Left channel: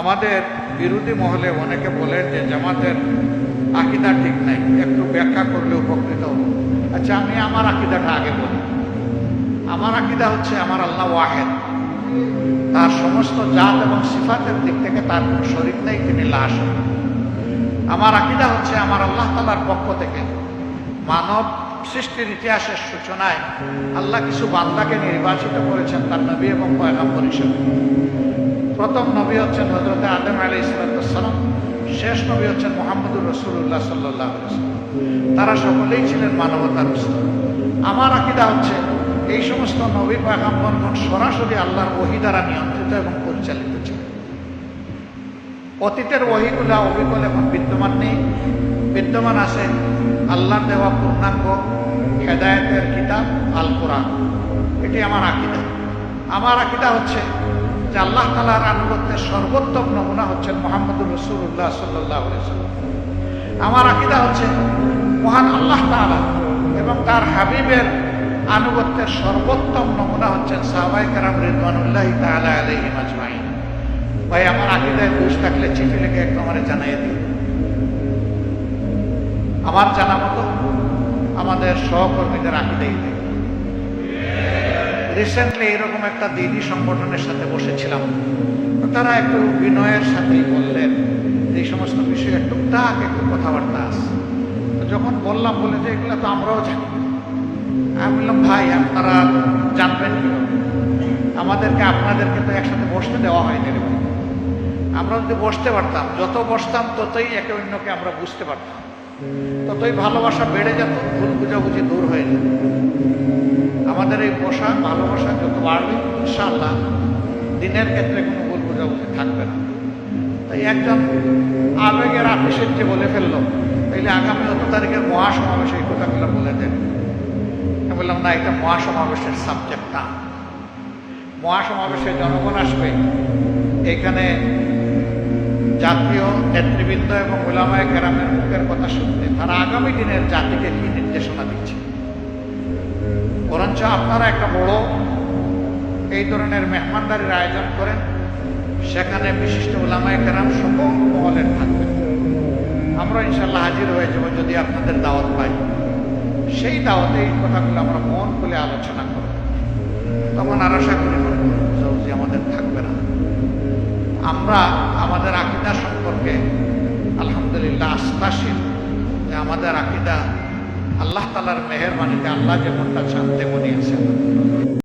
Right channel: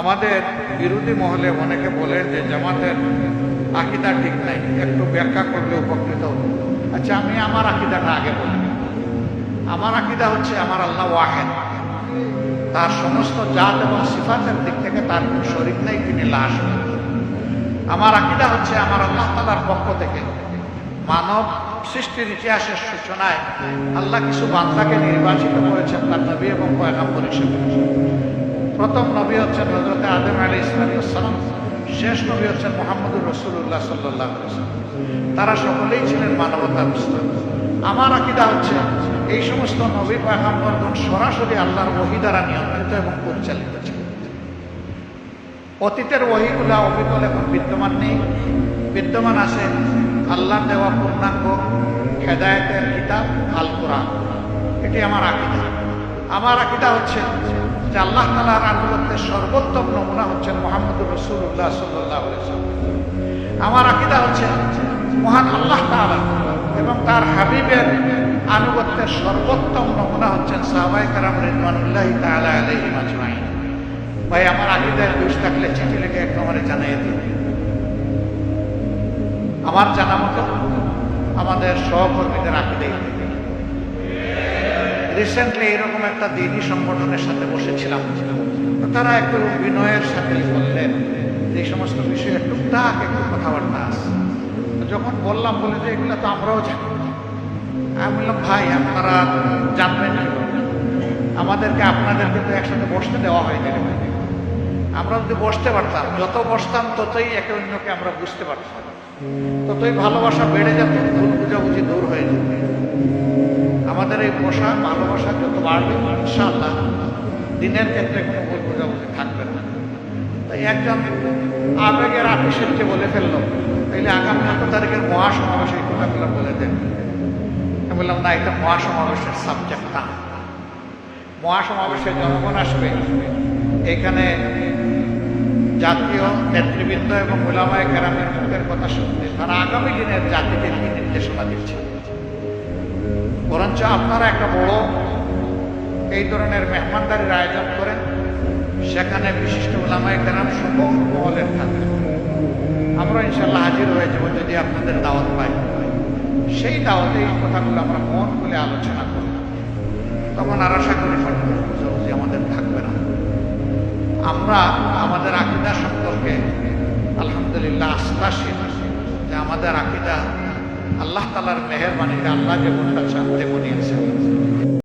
আমাদের বিরোধী মহলে অনেকে বলেন যে জামাতের আকিদা ঠিক নাই একটু ব্যাখ্যা করলে উপকৃত হব আচ্ছা আমি আমার আকিদাটা আগে বলি আমার আকিদা হচ্ছে আমার আল্লাহ ওয়াহেদ তার সমস্ত জাত এবং সিফাতের দিক থেকে তার কোনো শরীর নেই তিনি লাশ আমার আকিদা হচ্ছে আমার আল্লাহ তালার পক্ষ থেকে মানব সৃষ্টির ইতিহাসের সূচনায় আল্লাহ কিছু বান্দাকে নির্বাচিত করেছেন তার নবী এবং পয়গাম্বর হিসেবে প্রথম নবী হচ্ছেন হজরত আদম আলী ইসলাতাম শেষ নবী হচ্ছেন মোহাম্মদুর রসুল্লাহ সাল্লাহ তারা সকলেই ছিলেন মানবতার উস্তাদ আমার আকিদা হচ্ছে এই সমস্ত নবী পাকাম্বরগণ সরাসরি আল্লাহর ওহি দ্বারা নিয়ন্ত্রিত এবং পরিচালিত ছিল অতীতের ওহিগুলা অবিকল এখন বিদ্যমান নেই বিদ্যমান আছে আল্লাহ দেওয়া পূর্ণাঙ্গ হেদায়তের কিতাব আল কোরআন এটি আমার আকিদা আমার আকিদা হচ্ছে যে আল্লাহ তালার আনুগত্যের সর্বোত্তম নমুনা হচ্ছেন মোহাম্মদুর রসুল্লাহ সাল্লাহ আমার আকিদা হচ্ছে মহান আল্লাহ তালা এবং তার হাবিবের আনুগত্যের সর্বোত্তম নমুনা হচ্ছেন সাহবাই কারাম রিদমানুল্লাহ তালা আলহি মাজমাই ভাই আমার আকিদায় দোষ থাকলে চিঠি লিখে একটু আমার জানাই দিন আমার জানা মতো আমাদের সহকর্মীদের আকিদেই থেকে রিসেন্টলি এরকম একটা দিদি সংগঠনের সাথে বসেছিলাম তো তারা একটু বিনয়ের সাথেই বললেন যে এই সমস্ত বিষয়ে টুকটাক একটু কথাবার্তা আস তো যখন বললাম বলে যে এগুলো তো আমরাও জানি আমি বললাম ভাই আপনারা জানবেন কীভাবে আমাদেরকে আপনাদেরকে তো একসাথে বসতে দেওয়া হয়নি রে ভাই আমরা যদি বসতে পারতাম যত বসতাম ততই একে অন্যকে আমরা বুঝতে পারতাম ততই ভালোবাসা বেড়ে যেত ভুল বুঝাবুঝি দূর হয়ে যেত আমাদের এই বসা ভালোবাসা যত বাড়বে ইনশাআল্লাহ দিনের ক্ষেত্রে কোনো ভুল বোঝাবুঝি থাকবে না তাই একজন আবেগের আপিসের যে বলে ফেললো তাইলে আগামী অত তারিখের মহাসমাবেশে এই কথাগুলো বলে দেন আমি বললাম না এটা মহাসমাবেশের সাবজেক্ট না মহাসমাবেশে জনগণ আসবে এখানে জাতীয় নেতৃবৃন্দ এবং ওলামায় গ্রামের মুখের কথা শুনতে তারা আগামী দিনের জাতিকে কি নির্দেশনা দিচ্ছে বরঞ্চ আপনারা একটা বড় এই ধরনের মেহমানদারির আয়োজন করেন সেখানে বিশিষ্ট ওলামায় কেরাম সকল মহলের থাকবেন আমরা ইনশাল্লাহ হাজির হয়ে যাব যদি আপনাদের দাওয়াত পাই সেই দাওয়াতে এই কথাগুলো আমরা মন খুলে আলোচনা করব তখন আর আশা করি বুঝাবুঝি আমাদের থাকবে না আমরা আমাদের আকিদা সম্পর্কে আলহামদুলিল্লাহ আস্থাশীল যে আমাদের আকিদা আল্লাহ তালার মেহরবানিতে আল্লাহ যেমনটা শান্তি মনে আছে